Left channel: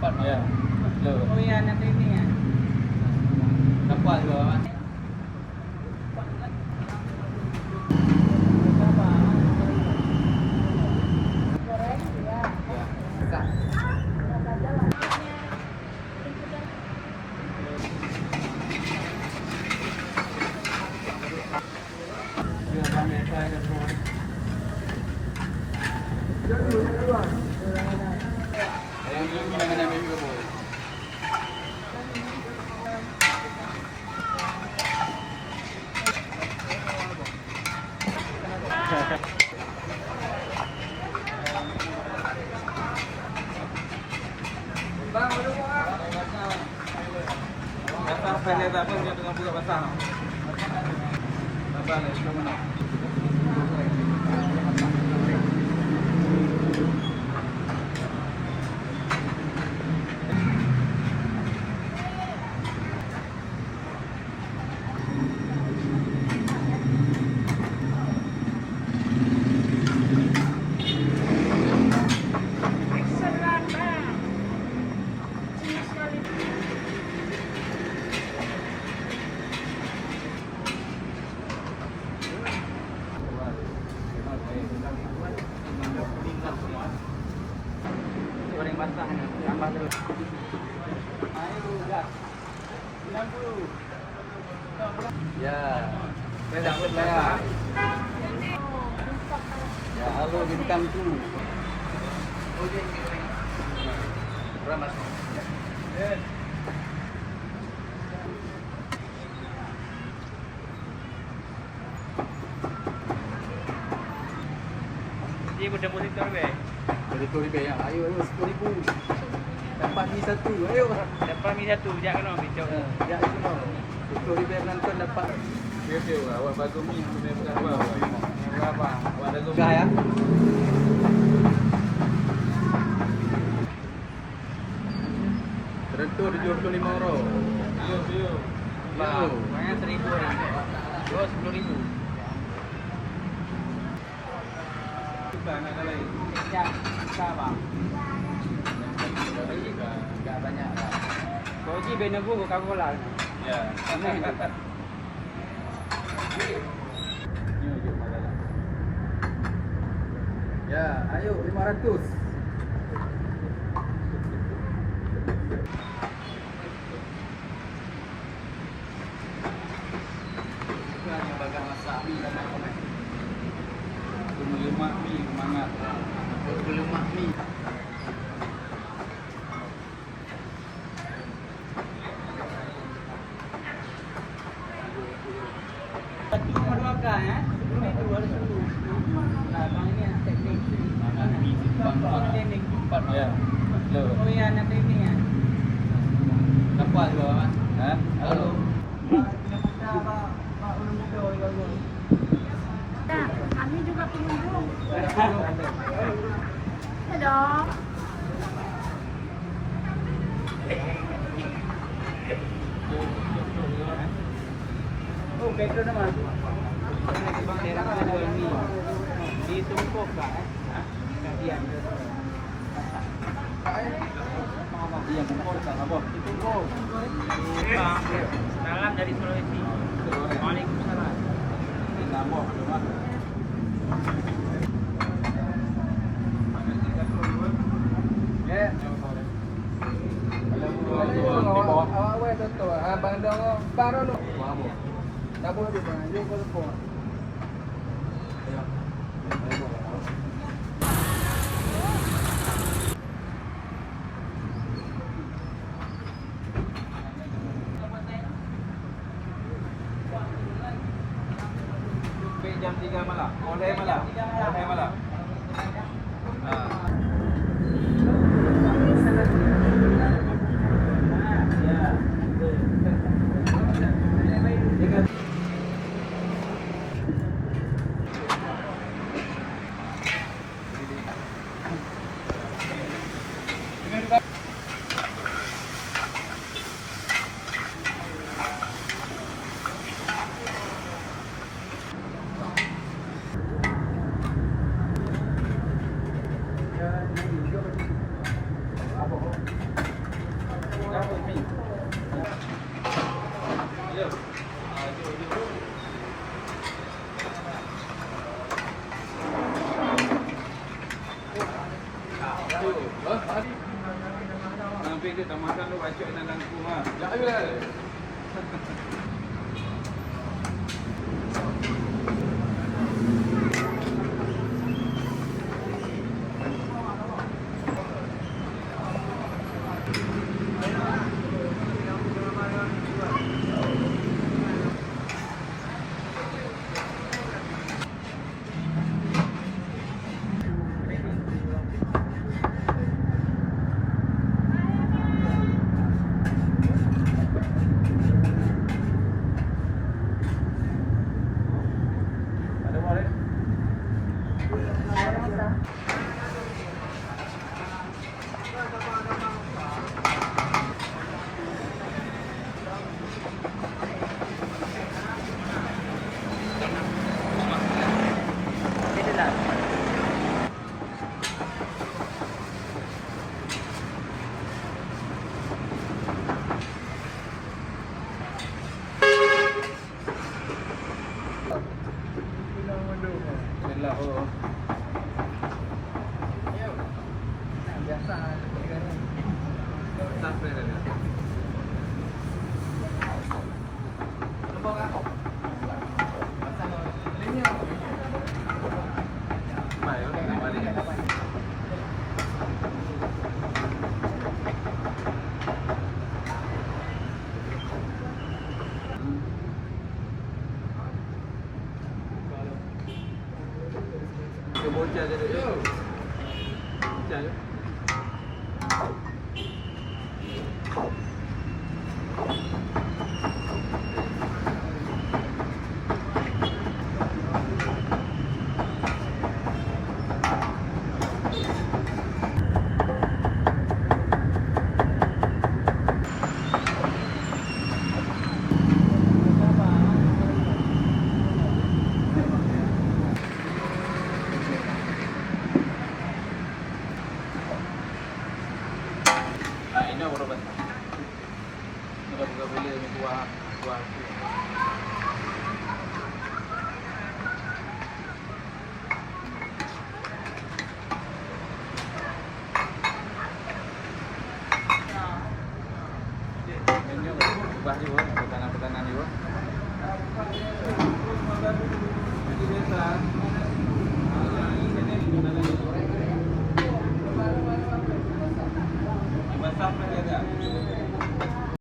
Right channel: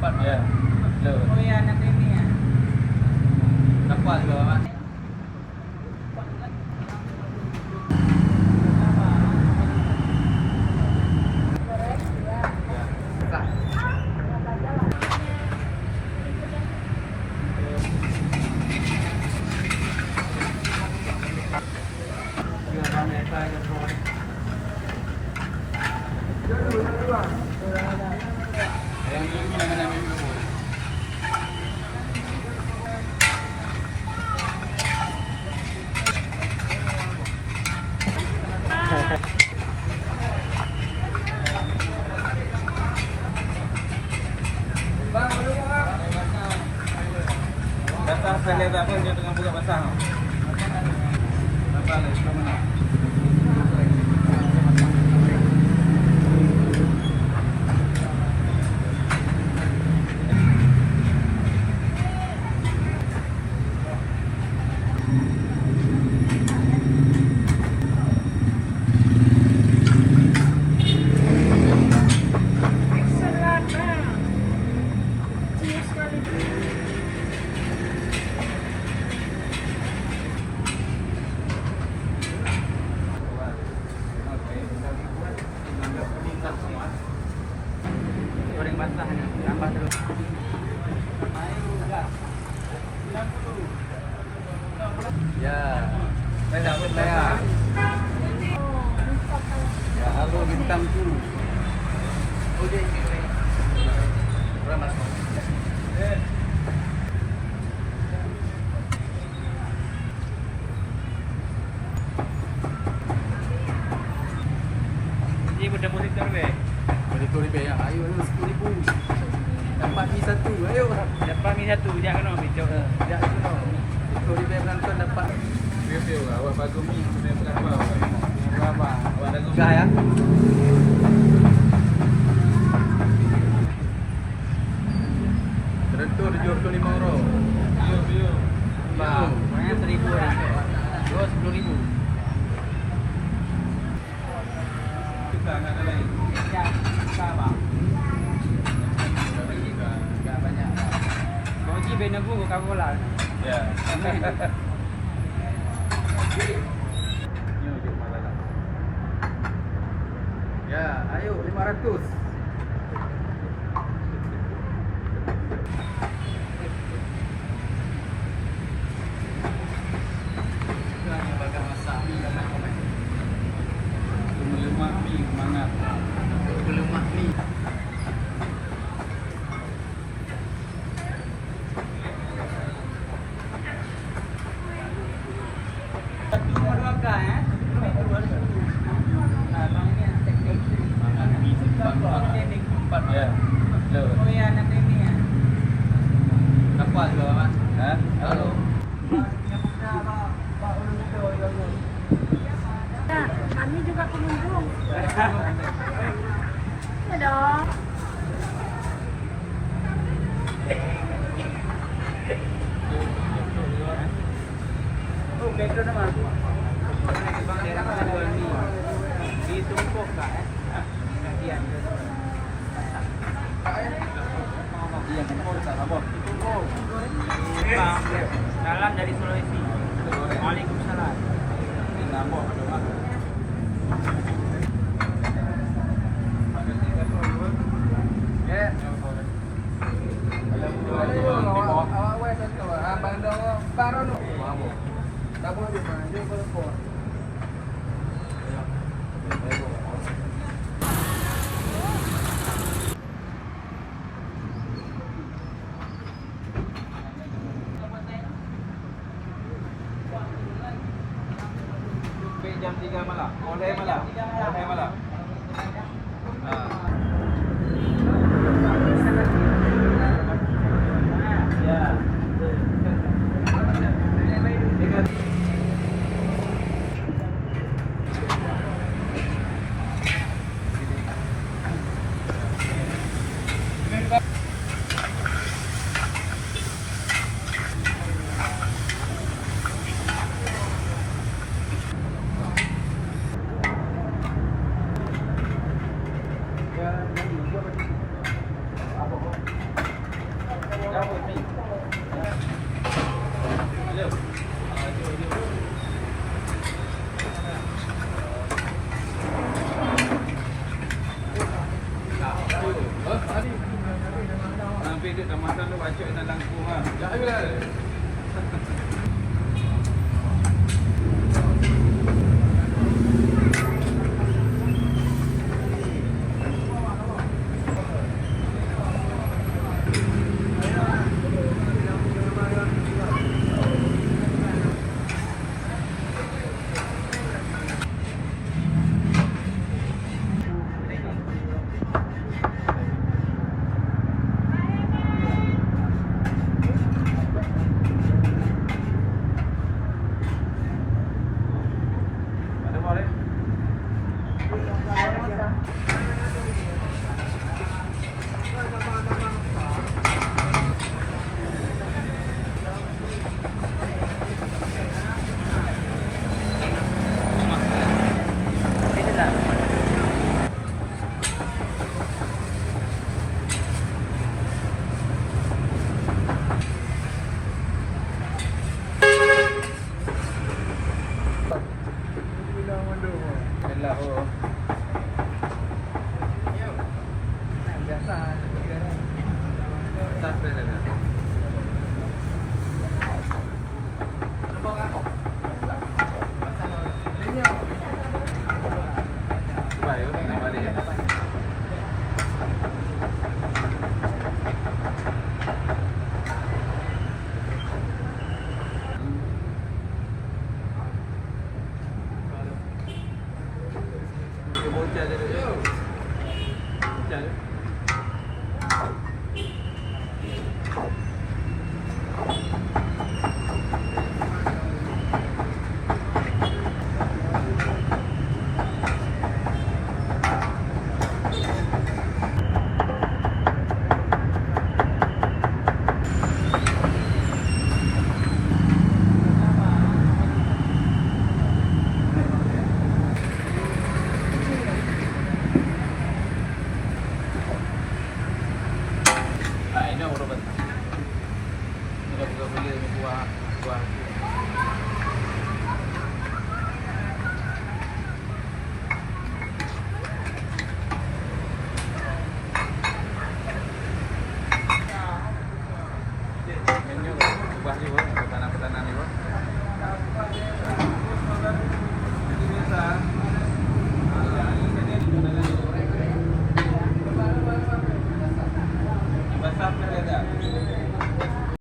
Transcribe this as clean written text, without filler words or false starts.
Ya. Betul. Oh ya, nanti ini ya. Nampak juga kan? Bang, belum bang. Basah sekali tak apa, dia tengah buka basah. Nampak ni, sudah mana? Goreng basah ni, tambah terus. Ya, banyak berlayar. Ya, halo bintangku. Ramas. RM10,000 ya. Ayo 10,000. Dapat mi satu. Ayo. Dapat mi satu jangan lupa pinjam. Ya, cuma 10,000 penonton dapat. Dia lah. Awak bagus mi punya berapa? Awak dah suka ya. Terentu RM75. Ya. Saya beri tu lah. 10,000. Kita nak ada lagi. Ya, sama. Banyak. Soji benagu kamu lah. Ya. Ya, ayo 500. Lemak mi semangat. Lemak mi. Ya. Betul. Oh ya, nanti ini ya. Nampak juga kan? Ha? Halo. Kami juga pengunjung. Ada. Oh, betul naman. Bang merah jual ni. Ditumpuk tak kasihan. Iya, betul tak apa. Ditumpuk. Salam dari Sulawesi. Waalaikumsalam. Nampak ada mak. Ya. Awak wes tu. Abang dah baru lu. Tak boleh juga. Dia boleh buat. Jam 3 malam. Oleh malam. Oleh malam. Ya. Bacok na lang po ha. Ada mo rin? Sila ko. Sampai rin. Bayo, balik. Bocah dia tu. Bocah dia. Ini orang betul. Mudah-mudahan boleh buah.